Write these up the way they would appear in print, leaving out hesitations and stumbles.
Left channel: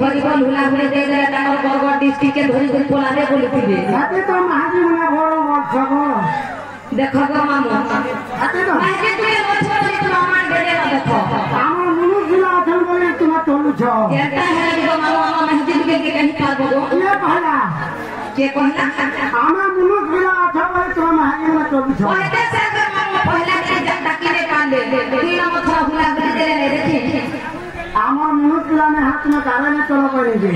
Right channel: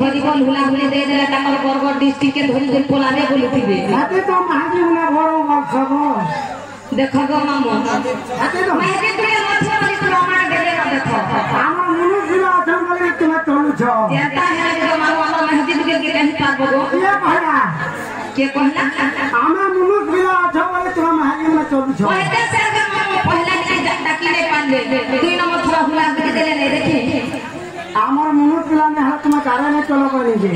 volleyball hula हुले दे दे तार Bargarh district के धरी धरी पोलाबे बोलथिबे हाते तो महाजी हुला बड़ो मत छगो देखो गो मामो हाते तो महाजी तुले मछली वाली तो मामा देले देखो मामो मुनु जिला अथम करे तुम तोलु छ जेता है गो मामो महाजी के कहीं पाबो गो ये कहला के कहला मामा मुनु जिला अथम करे तुम महाजी में तोलु छ ओए से गो मामो पहला के जटा की नहीं पाले दुई नंबर छ हुला दे देले देखे আমার মনে প্লানে হাত না কারণে চলো করিবে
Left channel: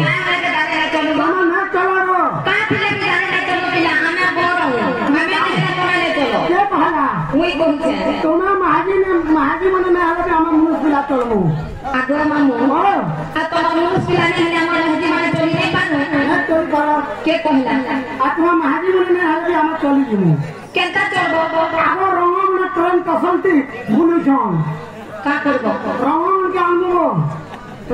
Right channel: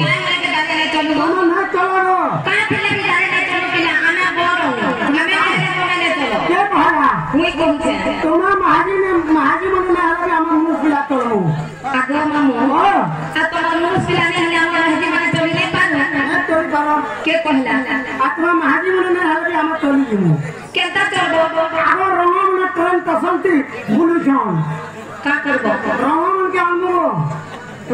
চলো না চলো কা ফেলে জানে না চলো বিনা আনা বড় আমি আনা বনালে চলো কে ভাড়া ওই কোনছে তোমার মাহাজি মানে না হবে আমার মুসবিলা চলো আগে মামু আর তোমার মুসবিলা নেই আমার মাহাজি মানে চলি নাই পারো তোর চলো কে কইলা তোমার মাহাজি মানে না হবে আমার চলি দিব কেটা চলো আমার রঙ মানে ট্রেন তসলতি ভুলিছন का करबो रंगन के आनबो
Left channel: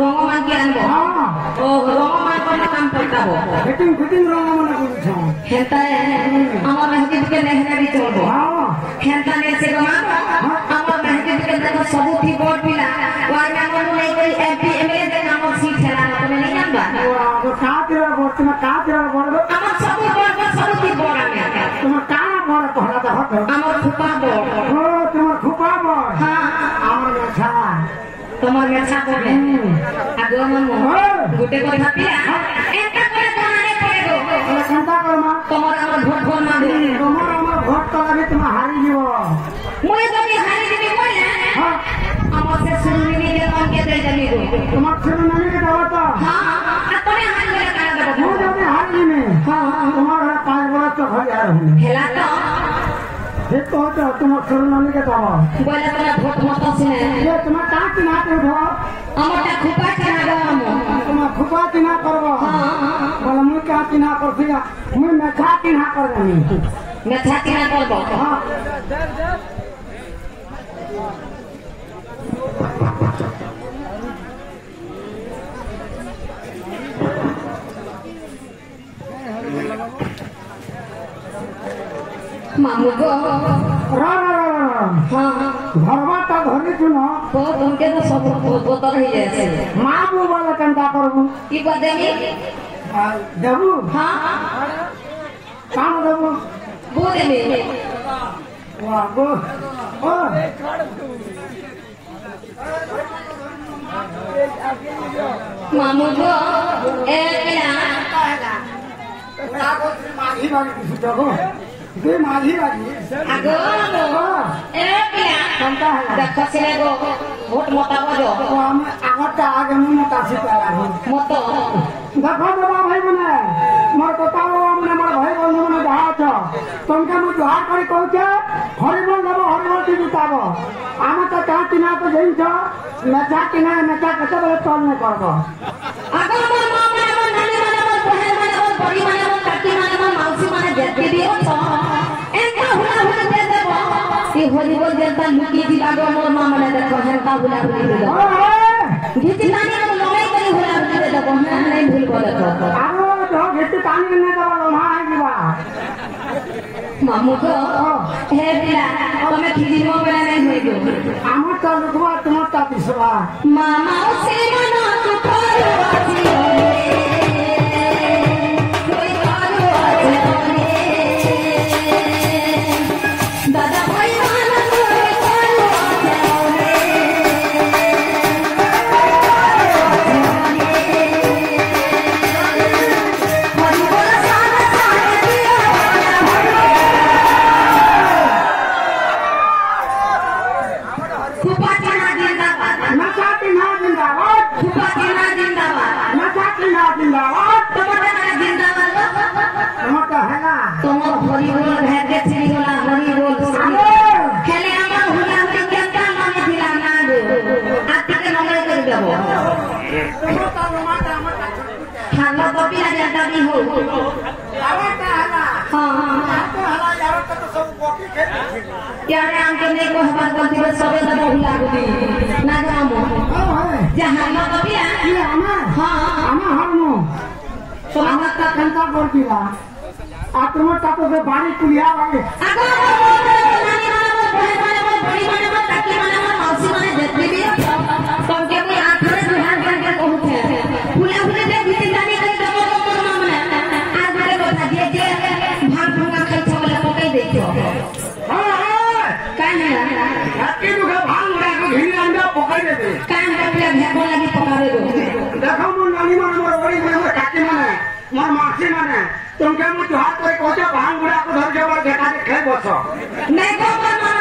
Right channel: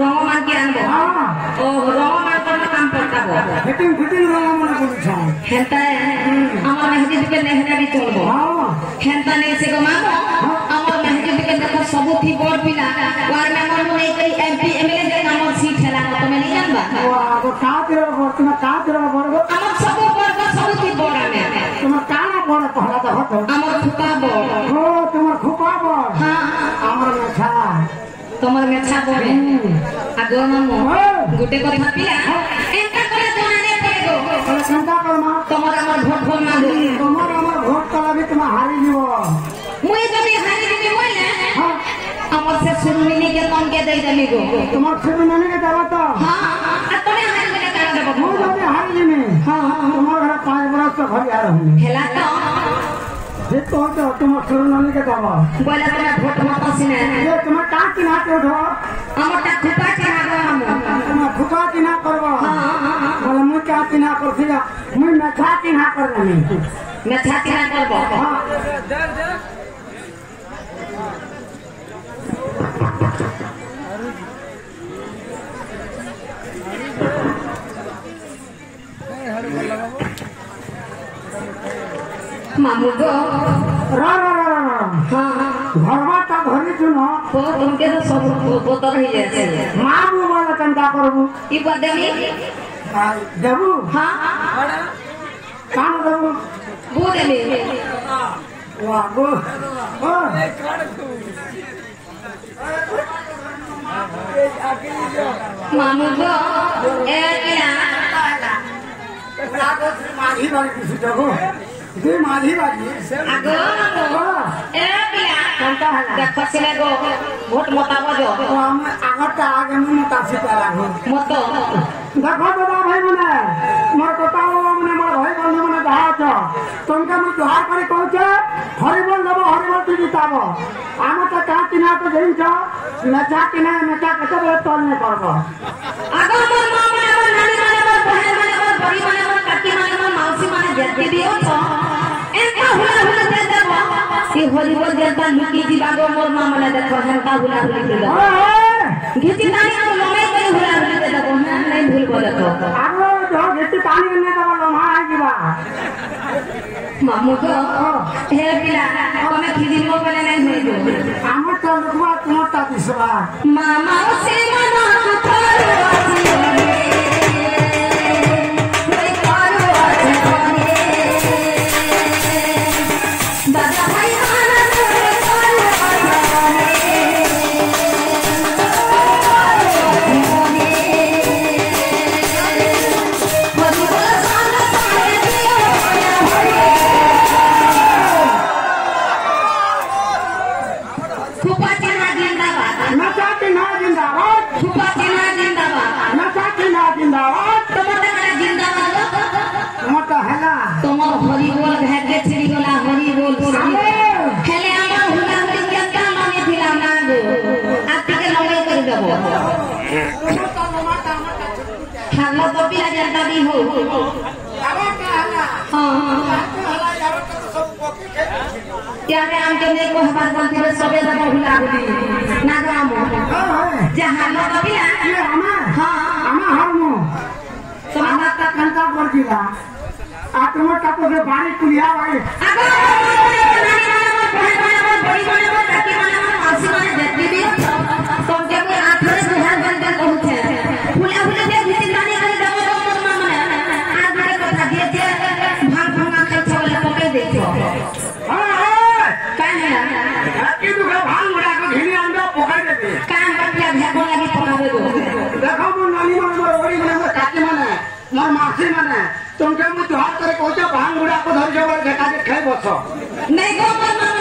रंगन के आनबो ओ रंगन पर काम करताबो फिटिंग रंगन को छ हेता हमर मेहदी के नहना भी चलबो हेता ने से गमा हमर मेहदी के देखो सब थी बोर्ड पिला और मेंबर को नहीं करी एमपी एमएलए के नाम सीट है तुम्हें नहीं जानबा वो का तेरा बोर्ड तुम का तेरा बोर्ड हमर सब बोर्ड सब थी बोर्ड में तुम का बोर्ड पहला तो हमर खुका बोर्ड हो तुम खुका बोर्ड हां তোমার মেছা পড়ে আগো মামু গুটে কথা পিয়া এটা করে তোমারে পড়ে গো চিন্তা করমা তোমার আমার ভোট ফোন না দে তোমার আমার ভোট তো আমি তোমার হারি দিব মই যদি হারি দিবি বলে আমার সে সুরমিনি के नाम के दे देबी गो তোমার সুরমিনি के দাও তো हां আর তুমি হারি দিলে কাজ দেব মই যদি হারি দিনে हां তোমার কাজ বাস তো হই আর হেলা তো যে তো তোমার সুরমিনি के দাও বলে তোমার ভোট মত সিনে ये তোমার কাজ কি না করো আমারটা খুপা কি না গো তোমার খুপা কি না করবো বলে মই কাজ কি না করছি মই মেছরা কি না করবো মেছরা কি না করবো मामू गो घरवाटा धरी जुनो तो तुमके तो सब बोतल ही जैसे मामू वाला कंटा करबू ई बदेमी देबू हां काम देबू बो देमी वाह गो मामू गो ए क्या पहला उला को माघी बारी किसी देबू दे माझी बाजी आगो ए पिया देखो सिले गो वोट मोता बजो हम आगत आगे मोता सिता मत देखो बाबा भाई मने मोर कोताओ मने मोर भाई बंधु मने जहा छ तुमके मु जहा करी कहछ हरिबल लबो हरिबल टी जिताबो आम त का किना तो जइन छ नचा किना नचा कतो तोल ने करबो आगो मोर मामा नानी माने मोर बहन माने मोर बड़ी माने मोर काकी माने मोर मौसी माने जेते दियो छ ये हरिबल जनता लुकी दिबागो मोर मामला देखो हरता हुला हुली दे दो घिची तानी को लमे करे हुला हुली दे दो नहीं भूल बोले तो आगो जो घिची तानी ने दो लमा आ गिला मामू को हे बिला हमें खिजी मो बने नहीं दो हम तो लुकवा तुम ता पिसवा मामा से मना को जिंदाबाद नशा जिंदाबाद तुम्हारे मेरा जिंदाबाद তোমারটা হেলা তোমার হরি বল ভাগ্যে ছিড়ি গলা হরি বল খেলে আমার হুলা হুলি কেমন মানে দিলাম না গো আতিকে লড়াই করে দেব তোমারটা তোমারটা আমারটা ছুটকুটে খালো কপি আগে দাবি হো আরেটা হেলা তো হেলা আরেটা তো সব কপি খেয়ে यारे आंके ने को हमार बोलती है सबे तो बहुला गई ना जामो जहां लो कभी ये আমার हां আমার হামো তোমার তা কান্তা করছিলা আর তোমার তা তো বাড়ি কুলিয়া বাড়ি अगर बड़ी बड़ी ताकि माने मासी माने देखबी भी तुमके कोई आथर दुहार बनके कहूछे फुला फुला दे भीतर गाड़ी करे देबो माने आज घरे बता दिए जे भांग भंगा खेल छले पकई देखो काहे রাতে দুগা ভাঙ বড়া কো ঘিনি আমরা পকাই দেবে काहे बतिया भेबो लागि पकावे गो দেখো মন নানি আমার ওই মানে কাটি মানে মোর মাসি মানে তোমকে মু হাত করে কইতে ভাঙ বড়া কো ধর যাবার দেখা খাই বছ नहीं को